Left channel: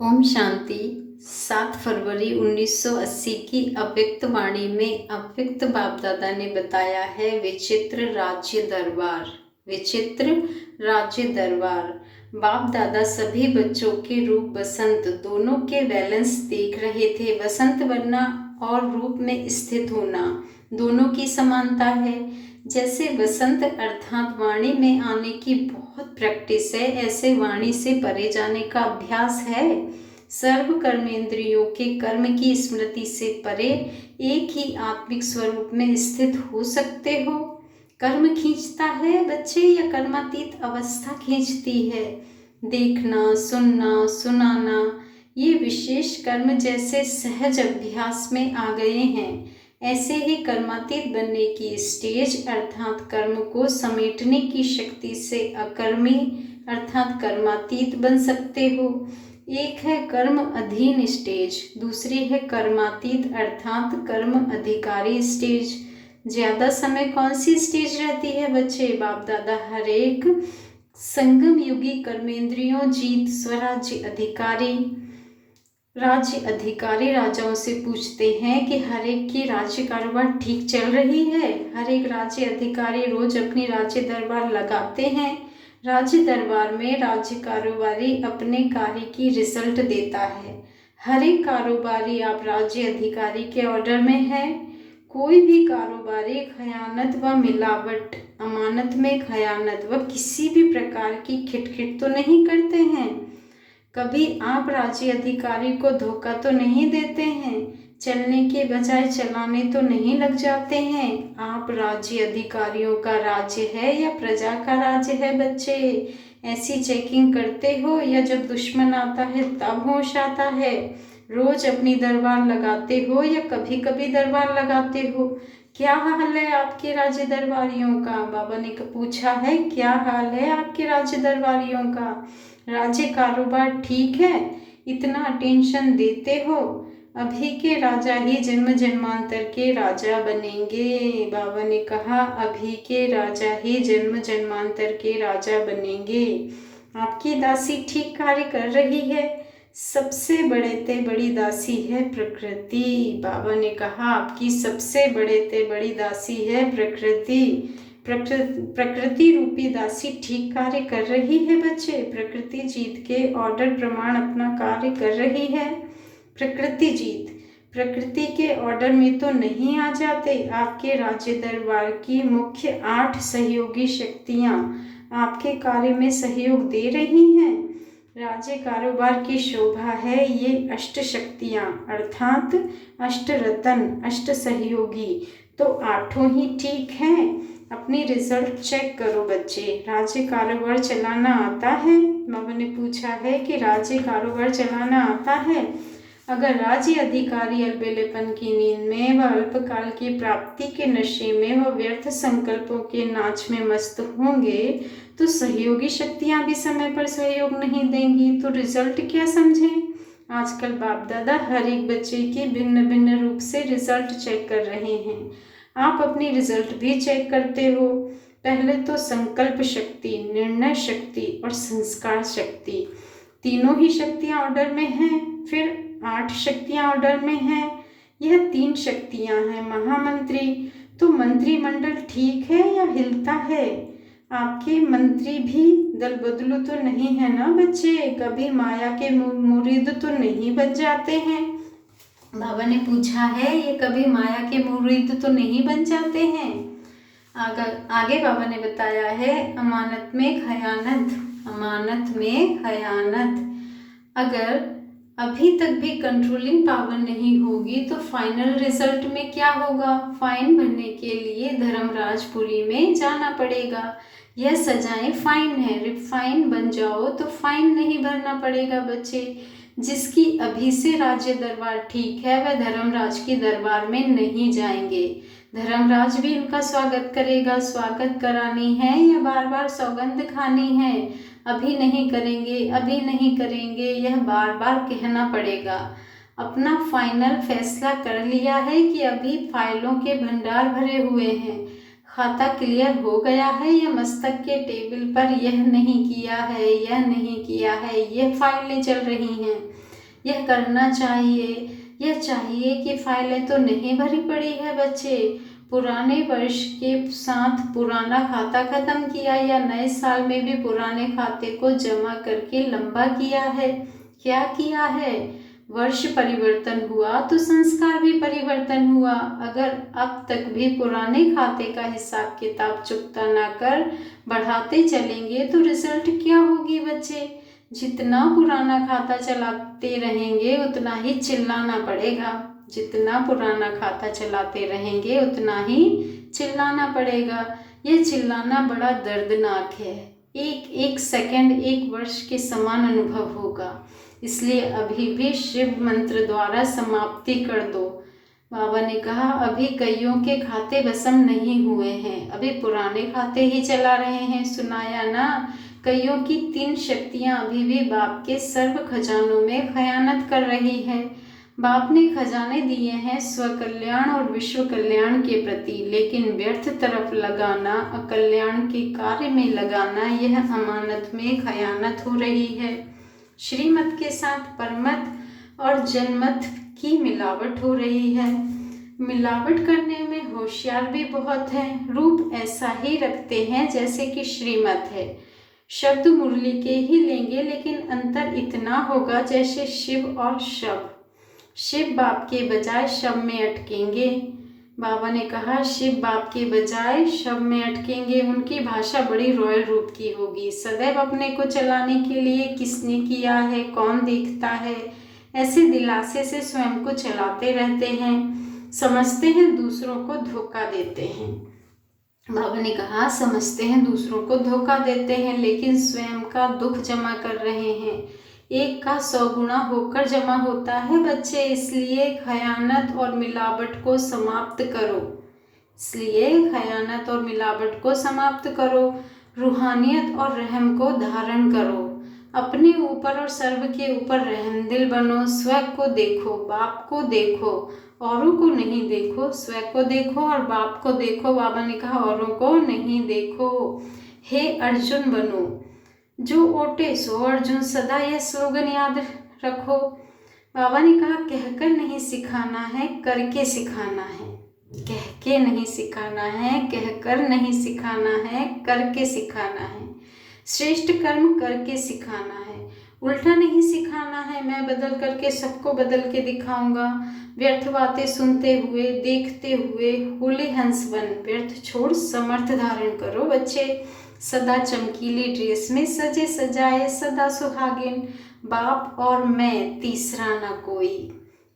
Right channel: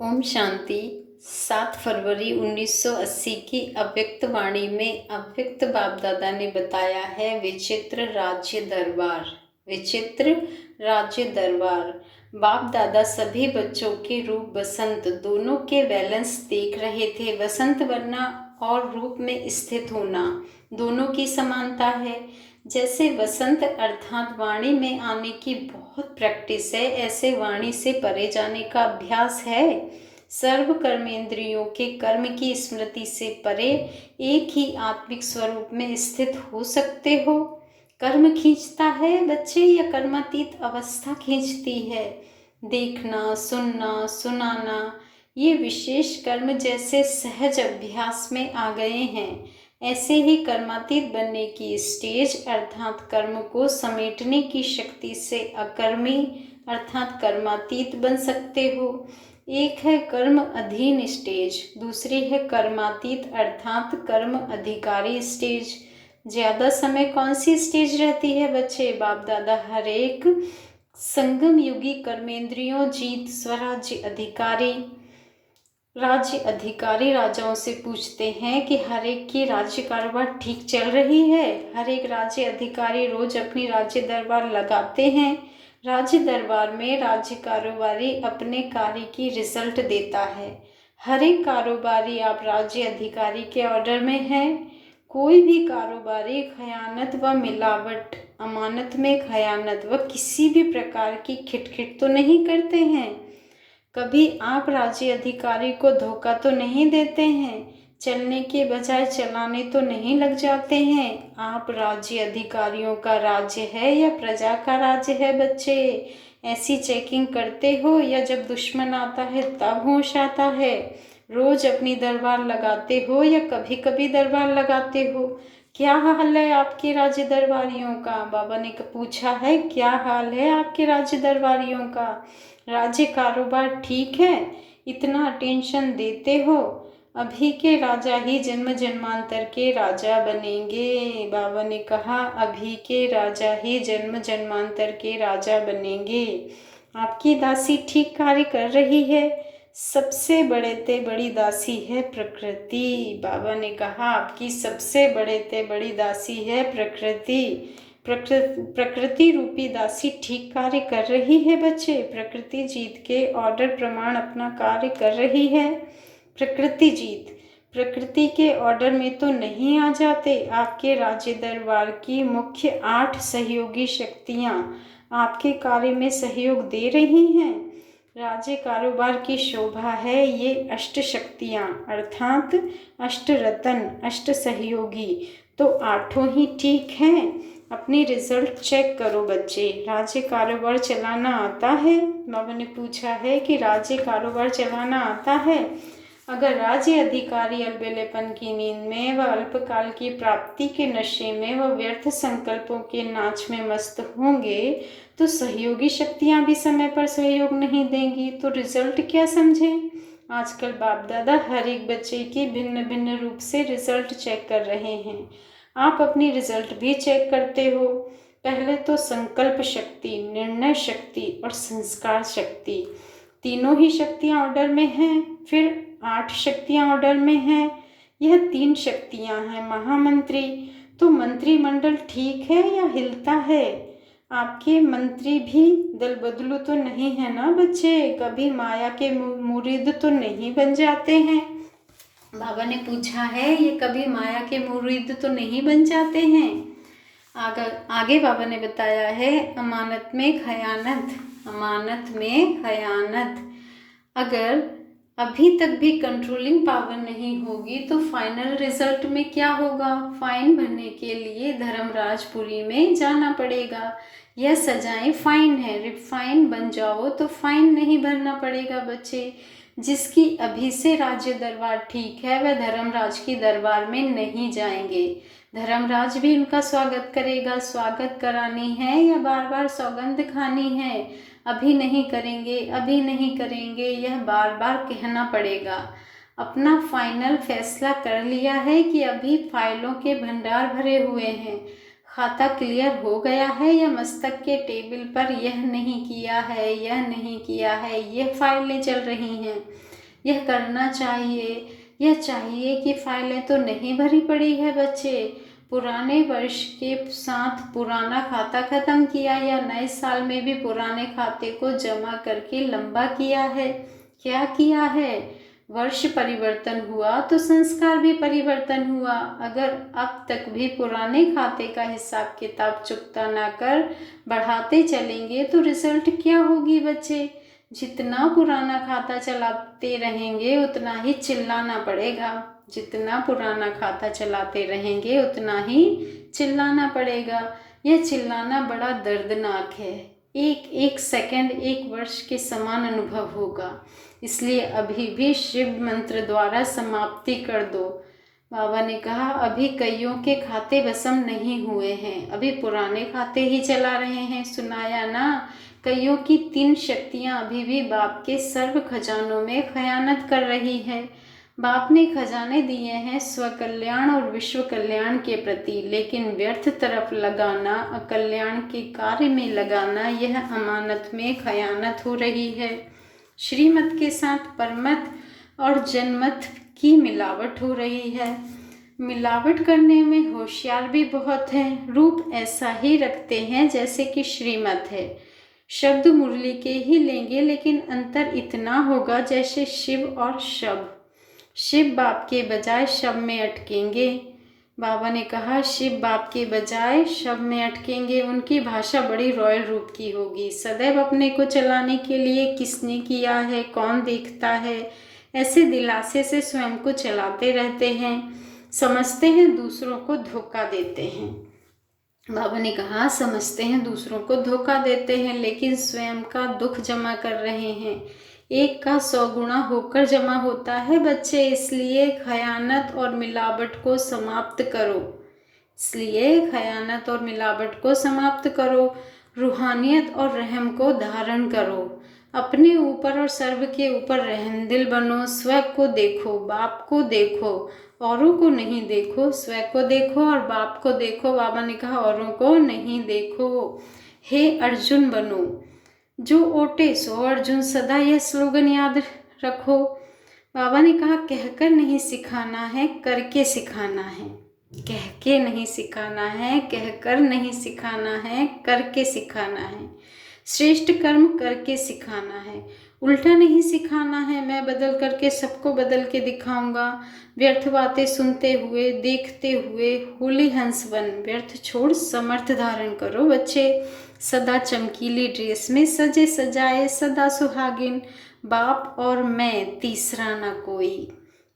ओम शांति। 7 फरवरी 1980 की अव्यक्त वाणी में अव्यक्त बाप दादा ने बताया है विचित्र राज्य दरबार। विचित्र राज्य दरबार। बाप दादा सभी बच्चों के रूप बसंत दोनों के बैलेंस देख रहे थे। बसंत बनना और रूप में स्थित होना दोनों की समानता है। जैसे वसंत अर्थात वाणी में आने की बहुत प्रैक्टिस है, ऐसे वाणी से परे जाने का अभ्यास है। सर्व कर्मेंद्रियों के कर्म की स्मृति से परे एक ही आत्मिक स्वरूप में स्थित हो सकते हो। कर्म खींचता है बच्चे या कर्मातीत अवस्था खींचती है? देखना, सुनना, सुनाना ये विशेष कर्म जैसे सहज अभ्यास में आ गए हैं, ऐसे ही कर्मातीत बनने की स्टेज अर्थात कर्म को समेटने की शक्ति से अकर्मी अर्थात कर्मातीत बन सकते हो। एक है कर्म अधीन स्टेज, दूसरी है कर्मातीत अर्थात कर्म अधिकारी स्टेज। ज्यादा समय कौन सी स्टेज रहती है बच्चे? बाप दादा हर एक संगम युगी कर्मेंद्रियों जीत स्वराज्य अधिकारी राजाओं से पूछते हैं कि हर एक की राज्य कारोबार ठीक चल रही है। हर एक राज्य अधिकारी रोज अपनी राज्य दरबार लगाते हैं। राज्य दरबार में राज्य कारोबारी अपने कार्य की रिजल्ट देता है। हर एक कारोबारी आप राज्य अधिकारी के ऑर्डर में है। कोई भी कारोबारी खयानत व मिलावट, अमानत में खयानत व किसी भी प्रकार की खिटखिट तो नहीं करते हैं। कभी आप राज्य अधिकारी को धोखा तो नहीं देते हैं। चलने के बजाय चलाने तो नहीं लग जाते हैं। आप राज्य अधिकारियों का राज्य है या प्रजा का राज्य है बच्चे? ऐसी चेकिंग करते हो या जब दुश्मन आता है तब होश आता है? रोज अपनी दरबार लगाते हो या कभी कभी दरबार लगाते हो? क्या हाल है आपके राज्य दरबारियों का? बाबा ने पूछा है, क्या हाल है आपके राज्य दरबारियों का? राज्य कारोबार ठीक है? इतना टेंशन देते हो? अभी के राजा ही जन्म जन्मांतर के राजा बनेंगे। बाबा ने कहा अभी के राजा ही जन्म जन्मांतर के राजा बनेंगे। आपकी दासी ठीक कार्य कर रही है। सबसे बड़ी दासी है प्रकृति। बाबा ने कहा आपकी सबसे बड़ी दासी है प्रकृति। प्रकृति रूपी दासी ठीक कार्य कर रही है बच्चे। प्रकृति जीत के ऑर्डर प्रमाण अपना कार्य कर रही है। प्रकृति जीत प्रकृति के ऑर्डर में तो नहीं आ जाते। आपके राज्य दरबार की मुख्य 8 सहयोगी शक्तियाँ आपके कार्य में सहयोग दे रही हैं। राज्य कारोबार की शोभा है ये अष्ट शक्तियाँ अर्थात अष्ट रतन, अष्ट सहयोगी। तो 8 ही ठीक हैं। अपनी रिजल्ट चेक करो बच्चे। राज्य कारोबार चलाना आता है? बाबा ने पूछा है कि राज्य कारोबार चलाना आता है? अगर राज्य अधिकारी अलबेलेपन की नींद में व अल्पकाल की प्राप्ति के नशे में व व्यर्थ संकल्पों के नाच में मस्त होंगे तो सहयोगी शक्तियां भी समय पर सहयोग नहीं देंगी, तो रिजल्ट क्या समझें? आजकल बाप दादा हर एक बच्चे की भिन्न भिन्न रूप से रिजल्ट चेक कर रहे हैं। आप अपनी रिजल्ट भी चेक करते हो। पहले तो संकल्प शक्ति, निर्णय शक्ति और संस्कार शक्ति, तीनों ही शक्तियाँ ऑर्डर में हैं। फिर 8 शक्तियाँ ऑर्डर में हैं। यह 3 शक्तियाँ हैं महामंत्री। तो मंत्रिमंडल ठीक है या हिलता है? आपके मंत्री भी दल बदलू तो नहीं है ना बच्चे? कभी माया के मुरीद तो नहीं बन जाते हैं? बाबा ने पूछा है ये कभी माया के मुरीद तो नहीं बन जाते हैं? आगे बाबा ने बताया है अमानत में खयानत, अमानत में खयानत। अगर अभी तक भी कंट्रोलिंग पावर नहीं होगी तो फाइनल रिजल्ट में क्या होगा? फाइन भरने के लिए धर्मराजपुरी में जाना पड़ेगा। यह सजाएं फाइन है। रिफाइन बन जाओ तो फाइन नहीं भरना पड़ेगा बच्चे। जिसकी अभी से राज्य दरबार ठीक है वह धर्मराज की दरबार में नहीं जाएंगे। धर्मराज भी उनका स्वागत करेगा। स्वागत करानी है या बार बार सौगंध खानी है? अभी नहीं करेंगे, अभी नहीं करेंगे, यह बार बार कहना पड़ेगा। अपना फाइनल फैसला कर लिया है कि अभी फाइलों के भंडार भरे हुए हैं, खाता क्लियर हो गया है या मस्तक के टेबल पर यह नहीं किया है, यह नहीं किया है, यह फाइलें चल रही हैं। यह करना चाहिए। यह चाहिए कि फाइलें तो नहीं भरी पड़ी है बच्चे। पुराने वर्ष के साथ पुराना खाता खत्म किया या नए साल में भी पुराने खाते को जमा करके लंबा किया है? क्या किया है? वर्ष परिवर्तन हुआ तो संस्कार भी परिवर्तन हुआ। अगर अब तक भी पुराने खाते का हिसाब किताब चुकता ना कर बढ़ाते चलेंगे तो रिजल्ट क्या होगी बच्चे? जितना पुराना खाता चलाते रहेंगे उतना ही चिल्लाना पड़ेगा। जितना पुराना खाता चलाते रहेंगे उतना ही चिल्लाना पड़ेगा। यह चिल्लाना बड़ा दर्दनाक है। एक एक सेकंड एक वर्ष के समान अनुभव होगा। इसलिए अभी भी शिव मंत्र द्वारा समाप्ति कर दो। बाबा ने कहा, अभी कईयों के खाते भस्म नहीं हुए हैं, अभी पुराने खाते ही चला रहे हैं। सुनाया ना? कईयों की 3 शक्तियां अभी भी बाप के सर्व खजानों में खयानत कर रही है। बाप ने खजाने दिए हैं स्वकल्याण और विश्व कल्याण के प्रति, लेकिन व्यर्थ तरफ लगाना, अकल्याण के कार्य में लगाना, यह अमानत में खयानत हो रही है। श्रीमत के साथ परमत और जनमत की मिलावट हो रही है। मिलावट करने में होशियार भी बहुत हैं। रूप ऐसा ही रखते हैं जैसे कि श्रीमत है। शब्द मुरली के ही लेंगे, लेकिन अंतर इतना होगा जैसे शिव और शव। शिव बाप के बजाय शव में अटकेंगे। बाबा ने कहा, शिव बाप के बजाय शव में अटकेंगे। उनकी भाषा बड़ी रॉयल रूप की होगी। सदैव अपने को चलाने के लिए किसने किया है, कौन देखता है, ऐसे दिलासे से स्वयं को चलाते रहते हैं। समझते हैं दूसरों को धोखा देते हैं। बाबा ने कहा, समझते हैं दूसरों को धोखा देते हैं, लेकिन स्वयं का दुख जमा कर रहे हैं। एक का 100 गुना होकर जमा होता है बच्चे। इसलिए खयानत और मिलावट को समाप्त करो। इसलिए खयानत और मिलावट को समाप्त करो। रूहानियत और रहम को धारण करो। अपने ऊपर और सर्व के ऊपर रहमदिल बनो। स्व को देखो, बाप को देखो, औरों को नहीं देखो। स्व को देखो और बाप को देखो। बाबा ने कहा, औरों को नहीं देखो। हे अर्जुन बनो, जो ओटे सो अर्जुन। सदा यह स्लोगन याद रखो। बाबा ने कहा, कहकर नहीं सिखाना है, करके सिखाना है। कह के नहीं सिखाना है, कहकर नहीं सिखाना है, करके सिखाना है। श्रेष्ठ कर्म करके सिखाना है, उल्टा नहीं सिखाना है। मैं बदल करके सबको बदल के दिखाऊंगा। व्यर्थ बातें सुनते हुए, देखते हुए होली हंस बन। व्यर्थ छोड़ समर्थ धारण करो बच्चे। सदा चमकीली ड्रेस में सजे सजाए, सदा सुहागिन। बाप और मैं, तीसरा ना कोई।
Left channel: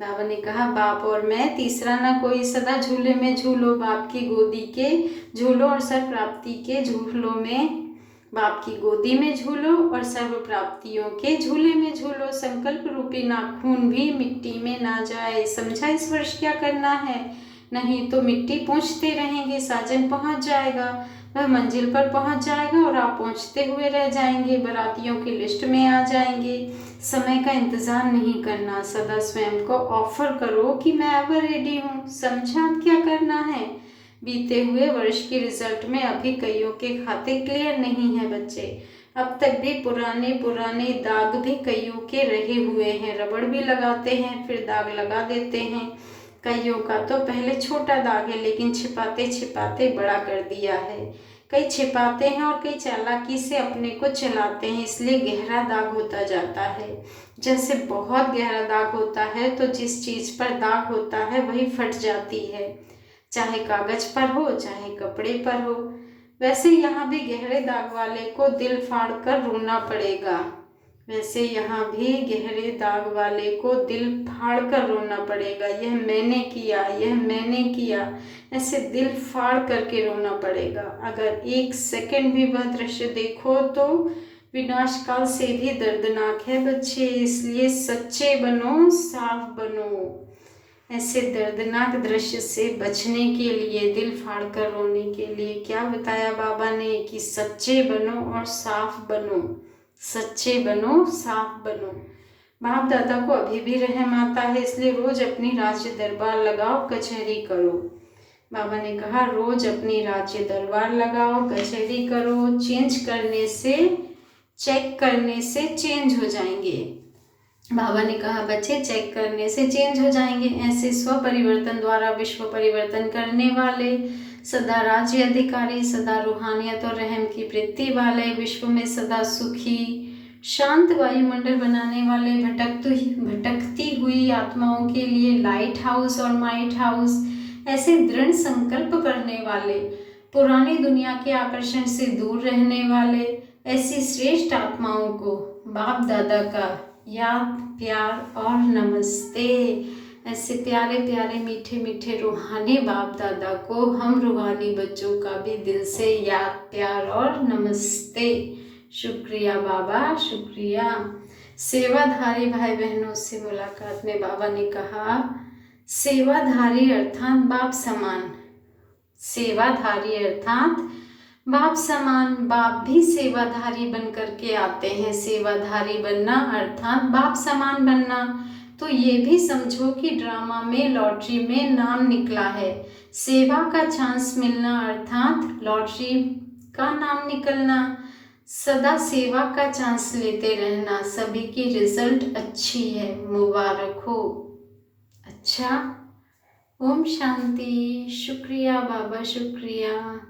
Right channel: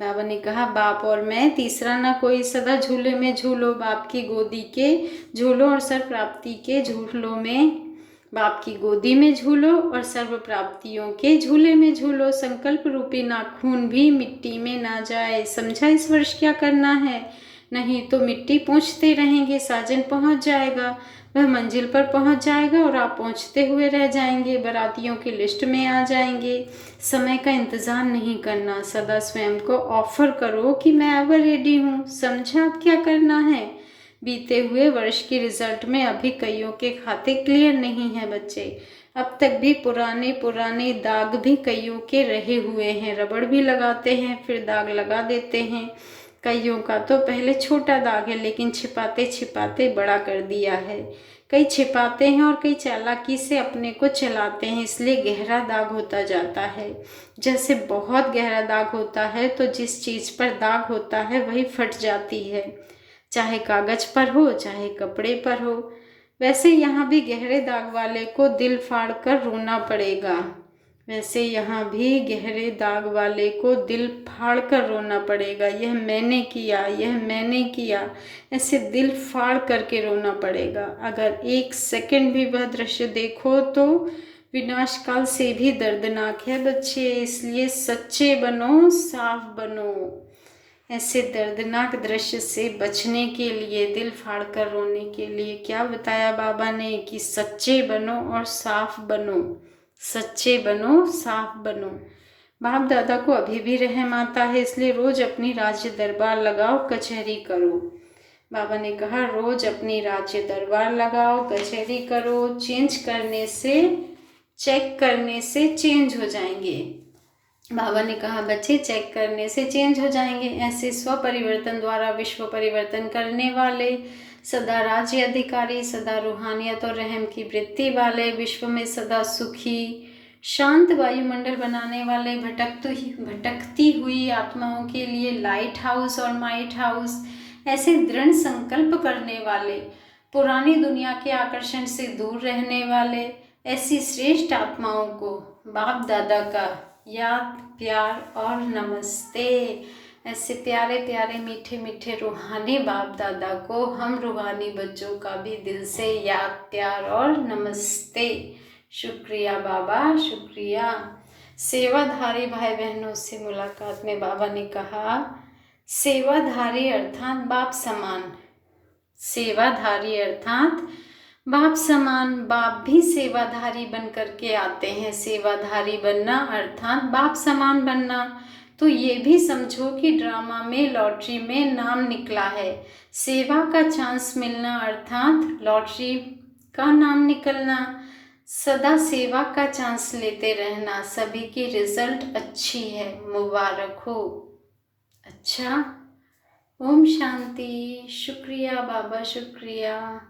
बाबा ने कहा, बाप और मैं, तीसरा ना कोई। सदा झूले में झूलो, बाप की गोदी के झूलो और सर्व प्राप्ति के झूलों में। बाप की गोदी में झूलो और सर्व प्राप्तियों के झूले में झूलो। संकल्प रूपी नाखून भी मिट्टी में ना जाए। समझा इस वर्ष क्या करना है? नहीं तो मिट्टी पूछते रहेंगे। साजन पहुंच जाएगा, वह मंजिल पर पहुंच जाएगा और आप पहुंचते हुए रह जाएंगे। बारातियों की लिस्ट में आ जाएंगे। समय का इंतज़ार नहीं करना। सदा स्वयं को ऑफर करो कि मैं एवर रेडी हूँ। समझा अब क्या करना है? बीते हुए वर्ष के रिजल्ट में अभी कईयों के खाते क्लियर नहीं है बच्चे। अब तक भी पुराने पुराने दाग भी कईयों के रहे हुए हैं। रबड़ भी लगाते हैं, फिर दाग लगा देते हैं। कईयों का तो पहले छोटा दाग है, लेकिन छिपाते छिपाते बड़ा कर दिया है। कई छिपाते हैं और कई चालाकी से अपने को चलाते हैं, इसलिए गहरा दाग होता जाता है। जैसे बहुत गहरा दाग होता है तो जिस चीज़ पर दाग होता है वही फट जाती है, चाहे कागज पर हो चाहे कपड़े पर हो। वैसे यहाँ भी गहरे दाग वाले को दिल फाड़ कर रोना पड़ेगा। वैसे यहाँ भी गहरे दाग वाले को दिल फाड़ कर रोना पड़ेगा। यह मैंने किया, यह मैंने किया, ऐसे दिल फाड़ करके रोना पड़ेगा। अगर 1 सेकंड भी वह दृश्य देखो तो विनाश काल से भी दर्दनाक है बच्चे। इसलिए सच्चे बनो, साफ बनो। ऐसे दर्दनाक दृश्य से बचने के लिए, दिल फाड़ कर रोने के लिए क्या बताया बाबा ने कि सच्चे बनो और साफ बनो। सच्चे बनो, साफ बनो। बाप दादा को अभी भी रहम आता है, इसलिए रोज अपनी राज्य दरबार लगाओ, कचहरी करो। बाबा ने कहा, रोज अपनी राज्य दरबार लगाओ, कचहरी करो। चेंज करने से, चेक करने से चेंज हो जाएंगे। बाबा ने कहा बच्चे चेक करने से चेंज हो जाएंगे। ऐसे स्व परिवर्तन द्वारा विश्व परिवर्तन करने वाले, सदा राज्य अधिकारी, सदा रूहानियत और रहम की वृत्ति वाले, विश्व में सदा सुखी शांत वायुमंडल बनाने वाले, भटकती हुई आत्माओं के लिए लाइट हाउस और माइट हाउस, ऐसे दृढ़ संकल्प करने वाले, पुरानी दुनिया के आकर्षण से दूर रहने वाले, ऐसी श्रेष्ठ आत्माओं को बाप दादा का याद, प्यार और नमस्ते। ऐसे प्यारे प्यारे मीठे मीठे रूहानी बाप दादा को हम रूहानी बच्चों का भी दिल से याद, प्यार और नमस्ते। शुक्रिया बाबा, शुक्रिया। सेवाधारी भाई बहनों से मुलाकात में बाबा ने कहा, सेवाधारी अर्थात बाप समान। सेवाधारी अर्थात बाप समान। बाप भी सेवाधारी बन करके आते हैं। सेवाधारी बनना अर्थात बाप समान बनना। तो ये भी समझो कि ड्रामा में, लॉटरी में नाम निकला है। सेवा का चांस मिलना अर्थात लॉटरी का नाम निकलना। सदा सेवा का चांस लेते रहना। सभी की रिजल्ट अच्छी है, मुबारक हो। अच्छा, ओम शांति। शुक्रिया बाबा, शुक्रिया।